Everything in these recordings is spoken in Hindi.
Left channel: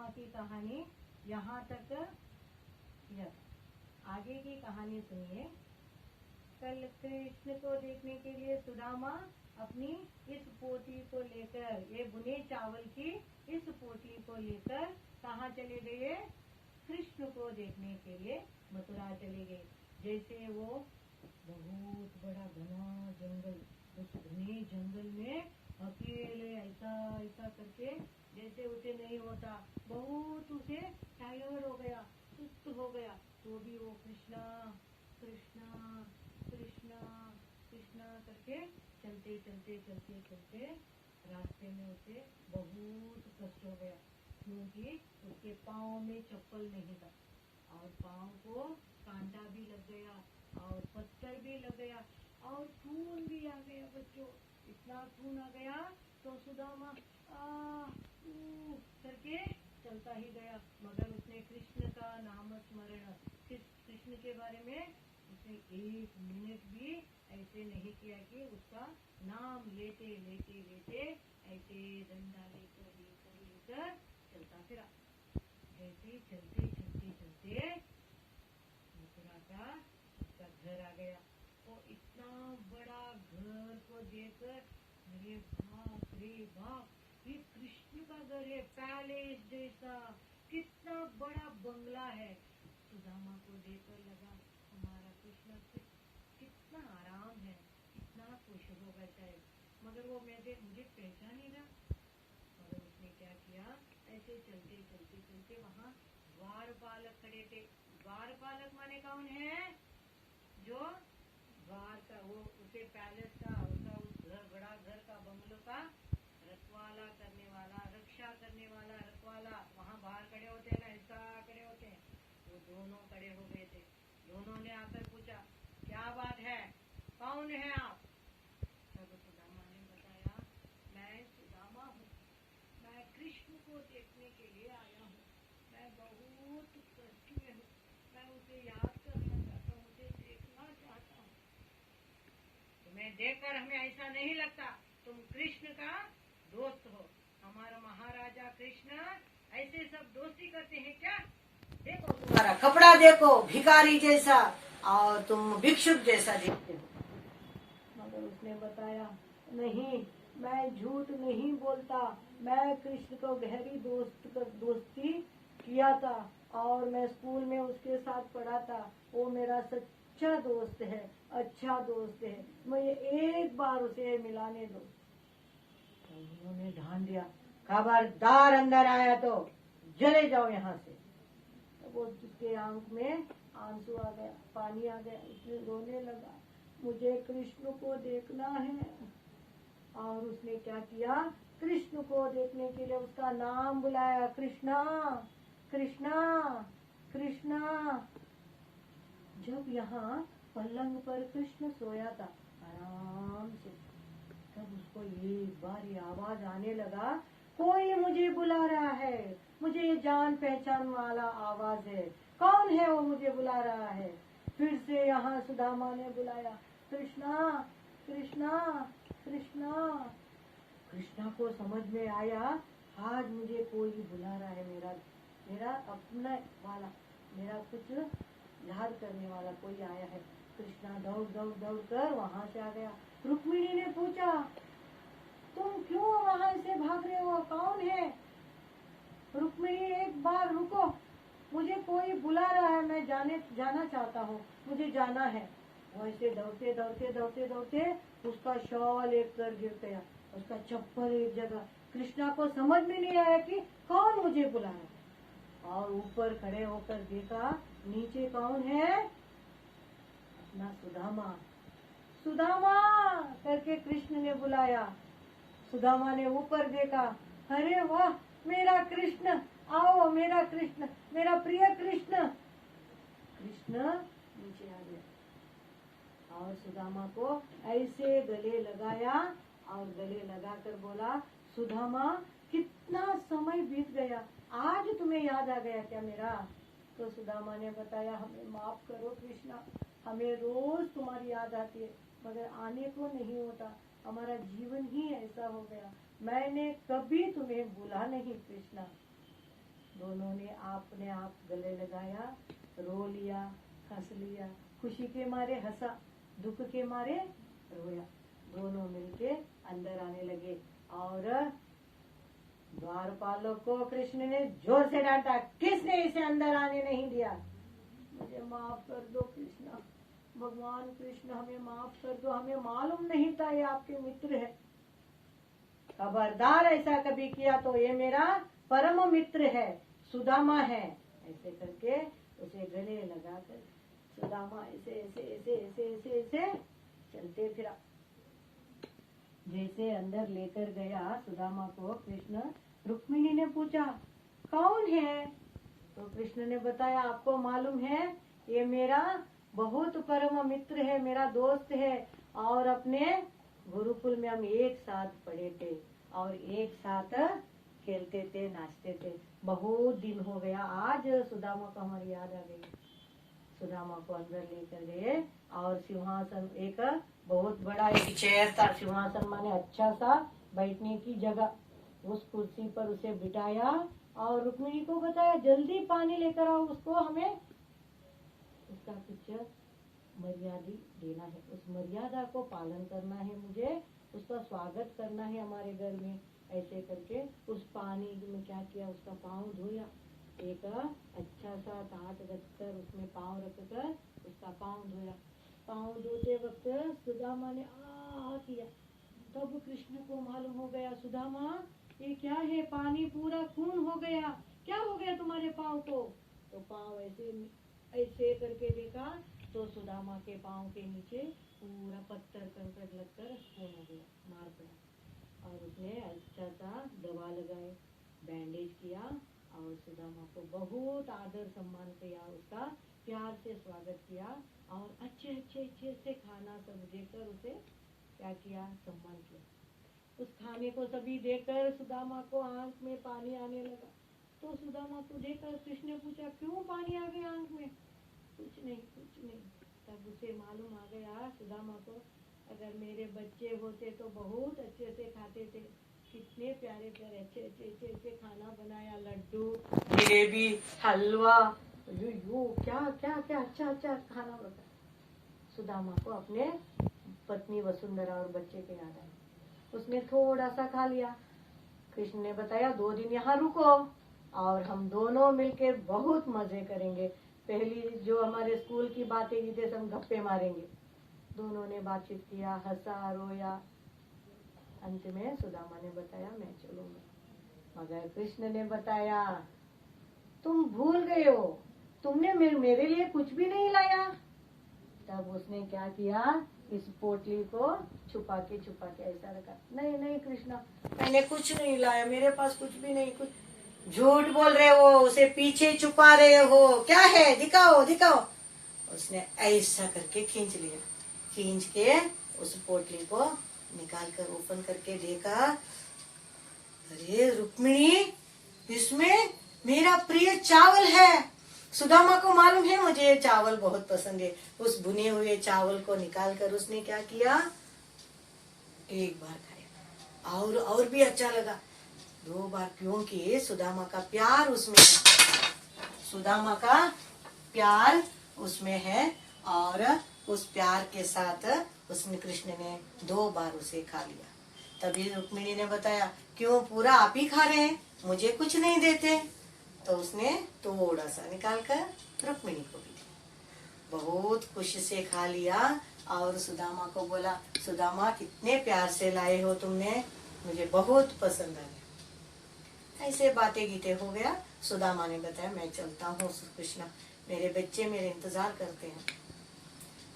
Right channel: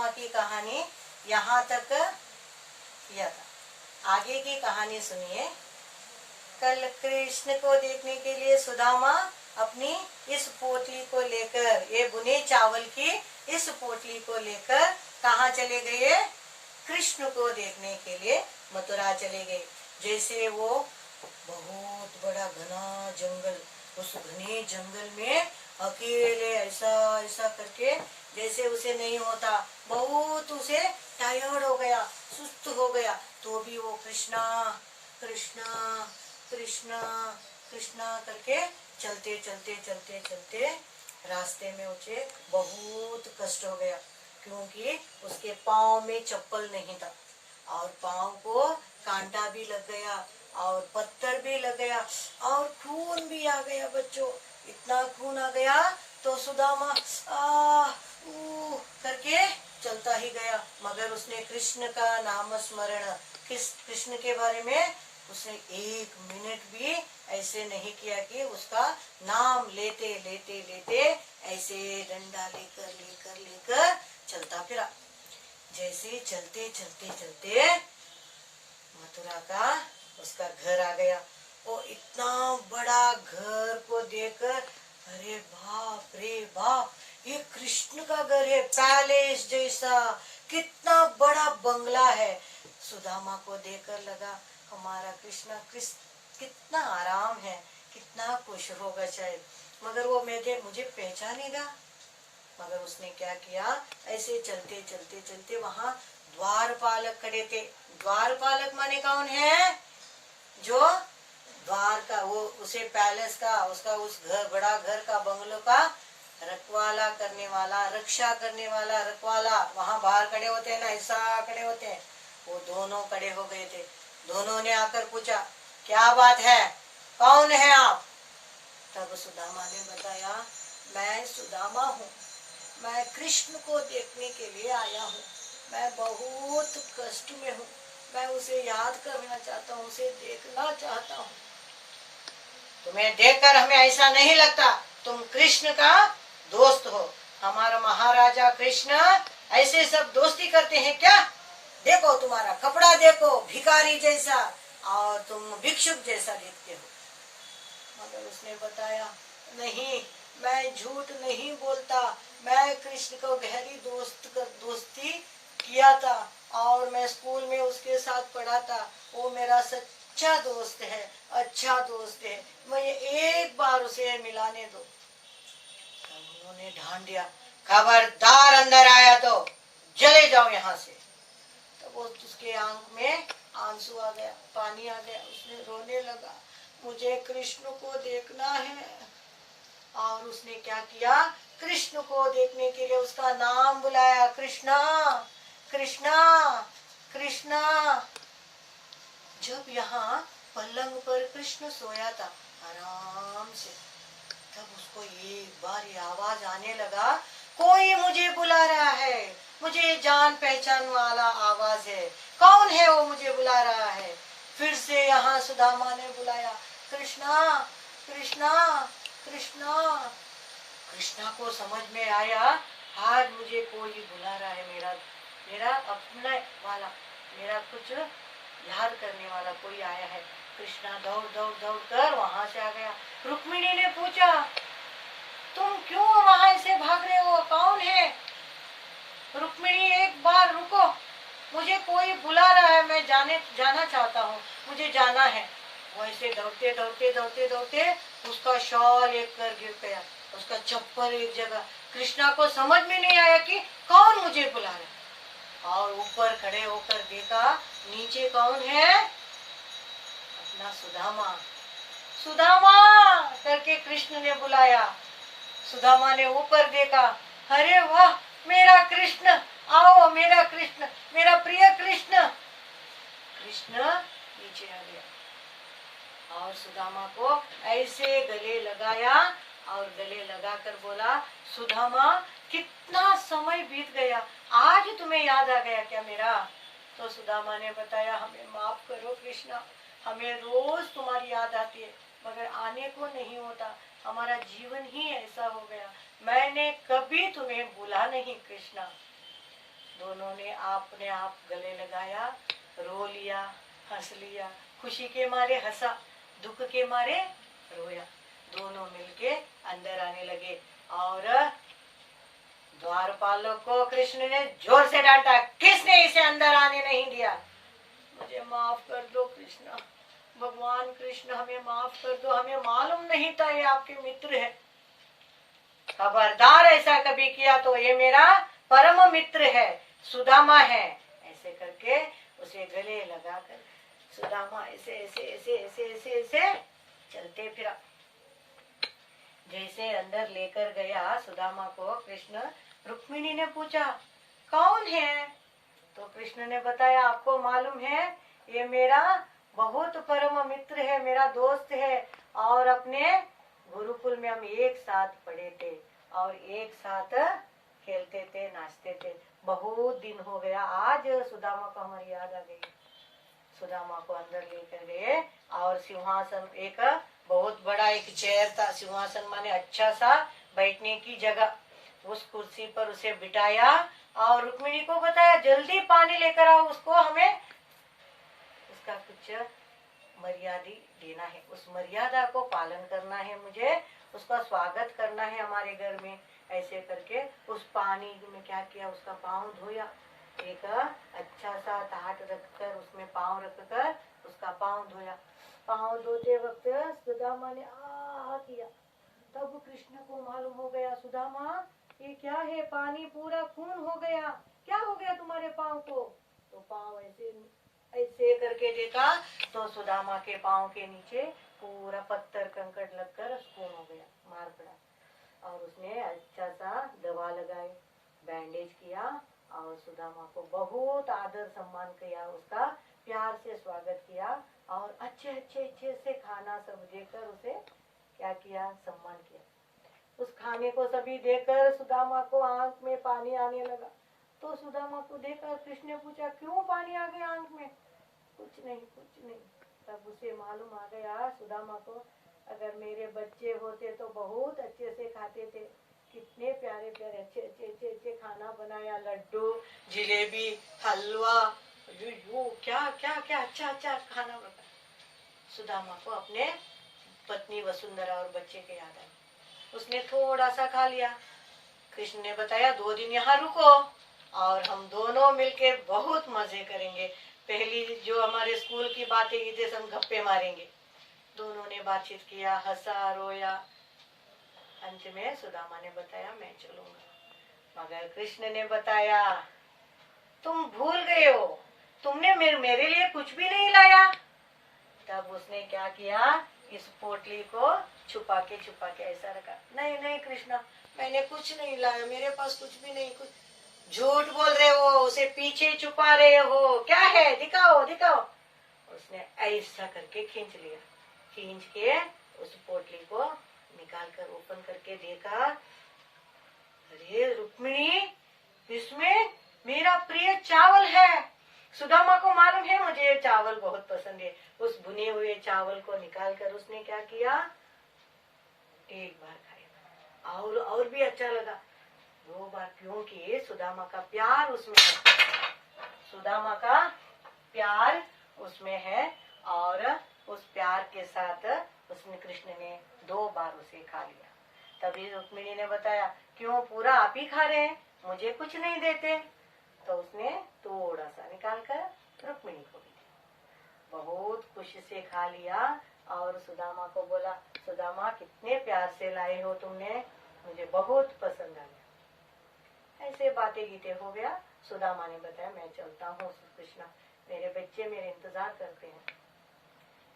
सुदामा की कहानी यहाँ तक किया था। आगे की कहानी सुनिए। कल कृष्ण को देखने के लिए सुदामा अपनी इस पोटली को लेकर, ये बुने चावल की इस पोटली को लेकर कहाँ चले गए? कृष्ण को देखने के लिए मथुरा चले गए। जैसे वो बहुत बड़ा घना जंगल, उस घने जंगल में अकेले ऐसा ऐसा करके, जैसे उसे नहीं होता, बहुत उसे टायर्ड हो गया, सुस्त हो गया, तो भी वो कृष्णा कृष्णा कृष्णा कृष्णा करके चलते चलते चलते चलते रास्ते में उसे बहुत कष्ट हो गया, क्योंकि उसके पाँव में चप्पल नहीं था और पाँव को कांटा भी लग गया और पत्थर भी लग गया और खून भी आ गया। बच्चों, इतना खून आ गया तो सुदामा करके चलता ही गया, मगर उसने कृष्ण का नाम स्मरण, कृष्ण के बारे में उसने एक मिनट भी ऐसे नहीं किया कि उसका नाम लेते लेते लेते ऐसे डंडा लेकर लेकर लेकर चलता फिरा। जैसे चलते चलते चलते मथुरा का उसका घर आ गया। वो इतना बड़ा घर को देखकर, अरे बाप रे बाप, ये कृष्ण का घर है, पैलेस जैसा, कितना बड़ा बंगला है। सुदामा को देखकर लगा हमारा कृष्ण कितना आराम है, कितना खुश होगा शायद, मगर वो मुझे पहचानेगा। मगर उसने क्या किया, ऐसे चलते चलते चलते वहां द्वारपालक खड़े थे। द्वारपालक माने कौन है? जो द्वार का, वो उसे पैलेस का, उसका उस घर, बड़ा घर का, बंगलों का रखवाला करने वाला, रक्षा करने वाला रखवाला वहां बाहर खड़े होते हैं ना, ऐसा खड़े होते हैं, वो दोनों खड़े हो गए थे। दोनों ने आकर पूछा, क्या बात है, कौन है आप? तब सुदामा ने बताया, मैं सुदामा हूँ, मैं कृष्ण को देखने के लिए आया हूँ, मैं बहुत कष्ट में हूँ, मैं उसे याद करना चाहता हूँ, उसे देखना चाहता हूँ। तुम्हें देखकर हमें ऐसा नहीं लगता तुम कृष्ण का दोस्त हो। हमारा महाराजा कृष्ण ऐसे सब दोस्ती करते हैं क्या? देखो तुम्हारा कपड़ा देखो, भिखारी जैसा, और तुम भिक्षुक जैसा दिखते हो। मगर उसने बताया, नहीं, मैं झूठ नहीं बोलता, मैं कृष्ण को गहरी दोस्ती किया था और मैं स्कूल में उसके साथ पढ़ा था, वो मेरा सच्चा दोस्त है, अच्छा दोस्त है, मुझे एक बार उसे मिलाने दो। तब उन्होंने ढांढ दिया, खबरदार अंदर आया तो चले जाओ यहाँ से। तब वो उसके आंख में आंसू आ गया, पानी आ गया, उसने रोने लगा, मुझे कृष्ण को देखना है। और उसने क्या किया, कृष्ण को देखने के लिए उसका नाम बुलाया, कृष्णा कृष्णा कृष्णा। जब यहाँ पलंग पर कृष्ण सोया था आराम से, तब उसको एक बार ये आवाज आने लगा, कोई मुझे बुला रहा है, मुझे जान पहचान वाला आवाज है, कौन है वो मुझे बुला रहा है? फिर से यहाँ सुदामा ने बुलाया, कृष्णा कृष्णा कृष्णा। कृष्णा को समझ में आया, आज मुझे कोई बुला रहा है, मेरा मेरा अपना वाला, मेरा कुछ याद करने वाला कोई आया है। कृष्णा दौड़ दौड़ दौड़ कर वहां से आ गया। रुक्मिणी ने पूछा, तुम क्यों वहां से भाग रहे हो, कौन है? रुक्मिणी, एक बार रुको, मुझे कोई बुला रहा है, मैं जाना चाहता हूँ, मुझे जाना है। वो ऐसे दौड़ते दौड़ते दौड़ते दौड़ते उसका शॉल एक कर गिर गया, उसका चप्पल एक जगह। कृष्णा को समझ में नहीं आया कि कौन मुझे बुला रहा है, और ऊपर खड़े होकर देखा, नीचे कौन है? अपना सुदामा। सुदामा करके कृष्ण ने बुलाया। सुदामा ने ऊपर देखा, अरे वाह, मेरा कृष्ण, आओ मेरा कृष्ण, मेरा प्रिय कृष्ण। कृष्ण नीचे आ गया और सुदामा को ऐसे गले लगाया और गले लगाकर बोला, सुदामा, कितना समय बीत गया, आज तुम्हें याद आ गया क्या मेरा? तो सुदामा ने बताया, हमें माफ करो कृष्णा, हमें रोज तुम्हारी याद आती है, मगर आने को नहीं होता, हमारा जीवन ही ऐसा हो गया, मैंने कभी तुम्हें भूला नहीं कृष्णा। दोनों ने अपने आप गले लगाया, रो लिया, हंस लिया, खुशी के मारे हंसा, दुख के मारे रोया। दोनों मिलके अंदर आने लगे और द्वारपालों को कृष्ण ने जोर से डांटा, किसने इसे अंदर आने नहीं दिया? मुझे माफ कर दो कृष्ण, भगवान कृष्ण हमें माफ कर दो, हमें मालूम नहीं था ये आपके मित्र है। खबरदार ऐसा कभी किया तो ये मेरा परम मित्र है, सुदामा है। ऐसे करके उसे गले लगाकर सुदामा ऐसे ऐसे ऐसे ऐसे ऐसे ऐसे चलते फिरा। जैसे अंदर लेकर गया सुदामा को कृष्ण, रुक्मिणी ने पूछा कौन है? तो कृष्ण ने बताया, आपको मालूम है ये मेरा बहुत परम मित्र है, मेरा दोस्त है, और अपने गुरुकुल में हम एक साथ पढ़े थे और एक साथ खेलते थे, नाचते थे। बहुत दिन हो गया, आज सुदामा को हमारी याद आ गई। सुदामा को अंदर लेकर गए और सिंहासन, एक बहुत बड़ा एक चेयर था, सिंहासन माने अच्छा सा बैठने की जगह, उस कुर्सी पर उसे बिठाया और रुक्मिणी को बताया जल्दी पानी लेकर आओ, उसको हमें उसका कुछ मर्यादा देना है, उस मर्यादा को पालन करना है, मुझे उसका स्वागत करना है हमारे घर में। ऐसे करके उस पानी में क्या किया, उसका पाँव धोया, एक अच्छा सा ताट रखकर उसमें पाँव रखकर उसका पाँव धोया। पाँव धोते वक्त सुदामा ने आ किया, तब कृष्ण को मालूम हो गया, सुदामा ये क्या है, पानी पूरा खून हो गया, क्या हो गया तुम्हारे पाँव को? तो पाँव ऐसे ऐसे करके देखा तो सुदामा के पाँव के नीचे पूरा पत्थर कंकड़ लगकर खून हो गया, मार पड़ा। और उसने अच्छा सा दवा लगाई, बैंडेज किया और सुदामा को बहुत आदर सम्मान किया, उसका प्यार से स्वागत किया और अच्छे अच्छे अच्छे से खाना सब देकर उसे क्या किया, सम्मान किया। उस खाने को सभी देकर सुदामा को आंख में पानी आने लगा। तो सुदामा को देखकर कृष्ण ने पूछा, क्यों पानी आ गया आंख में? कुछ नहीं, कुछ नहीं। तब उसे मालूम आ गया सुदामा को, अगर मेरे बच्चे होते तो बहुत अच्छे से खाते थे, कितने प्यारे प्यारे अच्छे अच्छे अच्छे अच्छे खाना बनाया, लड्डू, जलेबी, हलवा, यू क्या क्या क्या अच्छा अच्छा खाना बना। सुदामा को अपने पत्नी वसुंधरा और बच्चे के याद आई, उसने थोड़ा सा खा लिया। कृष्ण ने बताया 2 दिन यहाँ रुको और हम दोनों मिलके बहुत मजे करेंगे, पहली जो हमारे स्कूल की बातें की थी हम गप्पे मारेंगे। दोनों ने बातचीत किया, हंसा रोया। अंत में सुदामा ने बताया मैं चलूंगा, मगर कृष्ण ने बताया तुम भूल गए हो, तुमने मेरे लिए कुछ भी नहीं लाया। तब उसने क्या किया, इस पोटली को छुपा के ऐसा रखा, नहीं नहीं कृष्णा मैंने कुछ नहीं लाया, मेरे पास कुछ भी नहीं, कुछ झूठ बोल रहे हो, उसे पीछे छुपा रहे हो, क्या है दिखाओ दिखाओ। उसने ऐसा करके खींच लिया, खींच के उस पोटली को निकाल कर ओपन करके देखा, अरे रुक्मिणी इसमें मेरा प्रिय चावल है। सुदामा को मालूम है मुझे ये चावल बहुत पसंद है। उस भुने हुए चावल को निकाल कर उसने क्या किया, एक बार खाया और भी अच्छा लगा, 2 बार, क्योंकि सुदामा का प्यार उसमें है, सुदामा का प्यार उसमें है और उस प्यार के साथ उसने कृष्ण ने 2 बार उसे खा लिया। तभी रुक्मिणी ने बताया क्यों पूरा आप ही खा रहे हैं, मुझे कुछ नहीं देते? तो उसने थोड़ा सा निकाल कर रुक्मिणी को भी दिया, बहुत खुशी से खा लिया और सुदामा को बोला, सुदामा कितने प्यार से लाए हो तुमने, मुझे बहुत पसंद आया। ऐसे बातें गीते हो गया। सुदामा ने बताया मैं चलता हूँ कृष्णा, मेरे बच्चे मेरे इंतजार करते हैं।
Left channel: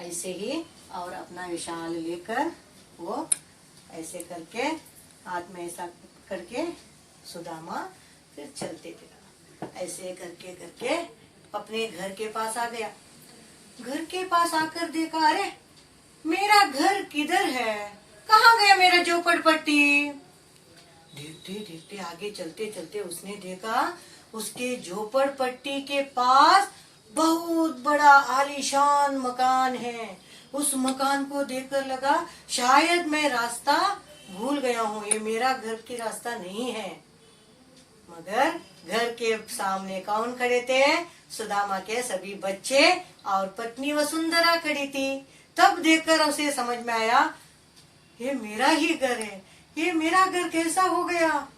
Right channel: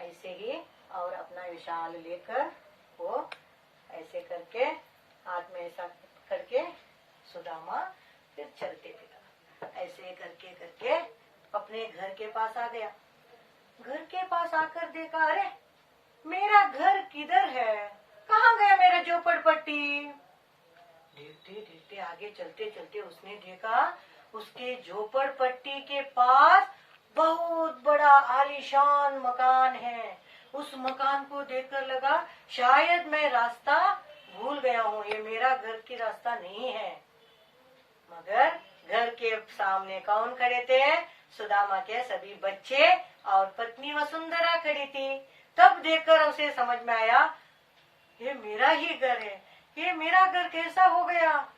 ऐसे ही और अपना विशाल लेकर वो ऐसे करके हाथ में ऐसा करके सुदामा फिर चलते थे, ऐसे करके करके अपने घर के पास आ गया। घर के पास आकर देखा, अरे मेरा घर किधर है, कहाँ गया मेरा झोपड़पट्टी? देखते देखते आगे चलते चलते उसने देखा उसके झोपड़पट्टी के पास बहुत बड़ा आलीशान मकान है। उस मकान को देखकर लगा शायद मैं रास्ता भूल गया हूँ, ये मेरा घर की रास्ता नहीं है। मगर घर के के सामने कौन खड़े थे? सुदामा के सभी बच्चे और पत्नी वसुंधरा खड़ी थी। तब देखकर उसे समझ में आया, ये मेरा ही घर है, ये मेरा घर कैसा हो गया?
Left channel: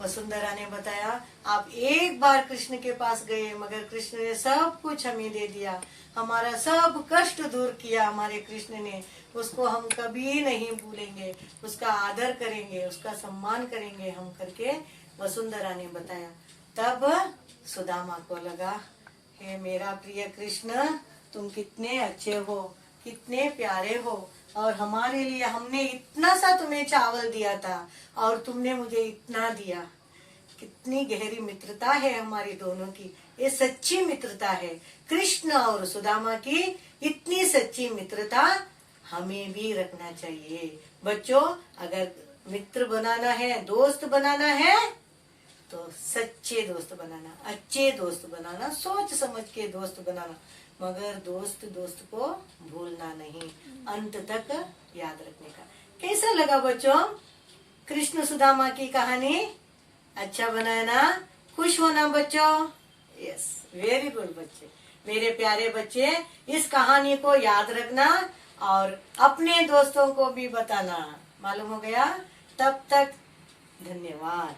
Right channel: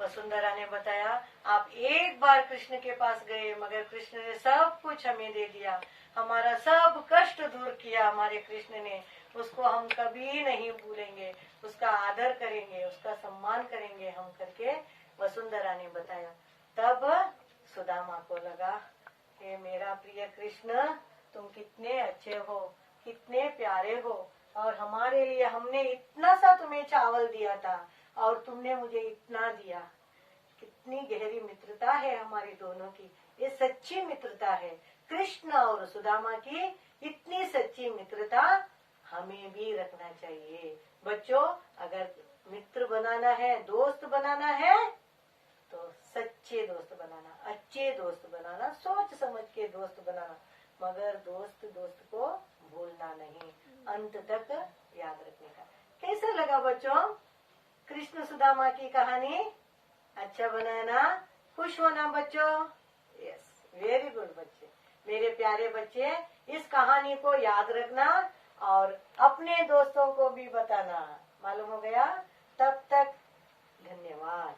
वसुंधरा ने बताया, आप एक बार कृष्ण के पास गए, मगर कृष्ण ने सब कुछ हमें दे दिया, हमारा सब कष्ट दूर किया हमारे कृष्ण ने। उसको हम कभी नहीं भूलेंगे, उसका आदर करेंगे, उसका सम्मान करेंगे हम करके वसुंधरा ने बताया। तब सुदामा को लगा, हे मेरा प्रिय कृष्ण, तुम कितने अच्छे हो, कितने प्यारे हो, और हमारे लिए हमने इतना सा तुम्हें चावल दिया था और तुमने मुझे इतना दिया। कितनी गहरी मित्रता है हमारी दोनों की, ये सच्ची मित्रता है। कृष्ण और सुदामा की इतनी सच्ची मित्रता हमें भी रखना चाहिए। बच्चों, अगर मित्र बनाना है, दोस्त बनाना है, तो सच्चे दोस्त बनाना, अच्छे दोस्त बनाना, सोच समझ के दोस्त बनाना, मगर दोस्त को भूलना नहीं, अंत तक याद रखने का। कैसा लगा बच्चों कृष्ण सुदामा की कहानी? अच्छा बनाया ना? खुश होना बच्चों? यस, वेरी गुड बच्चे, मेरे प्यारे बच्चे, इस कहानी को याद रखना और अपने दोस्तों को भी बताना। मालूम हो गया? तब तक धन्यवाद।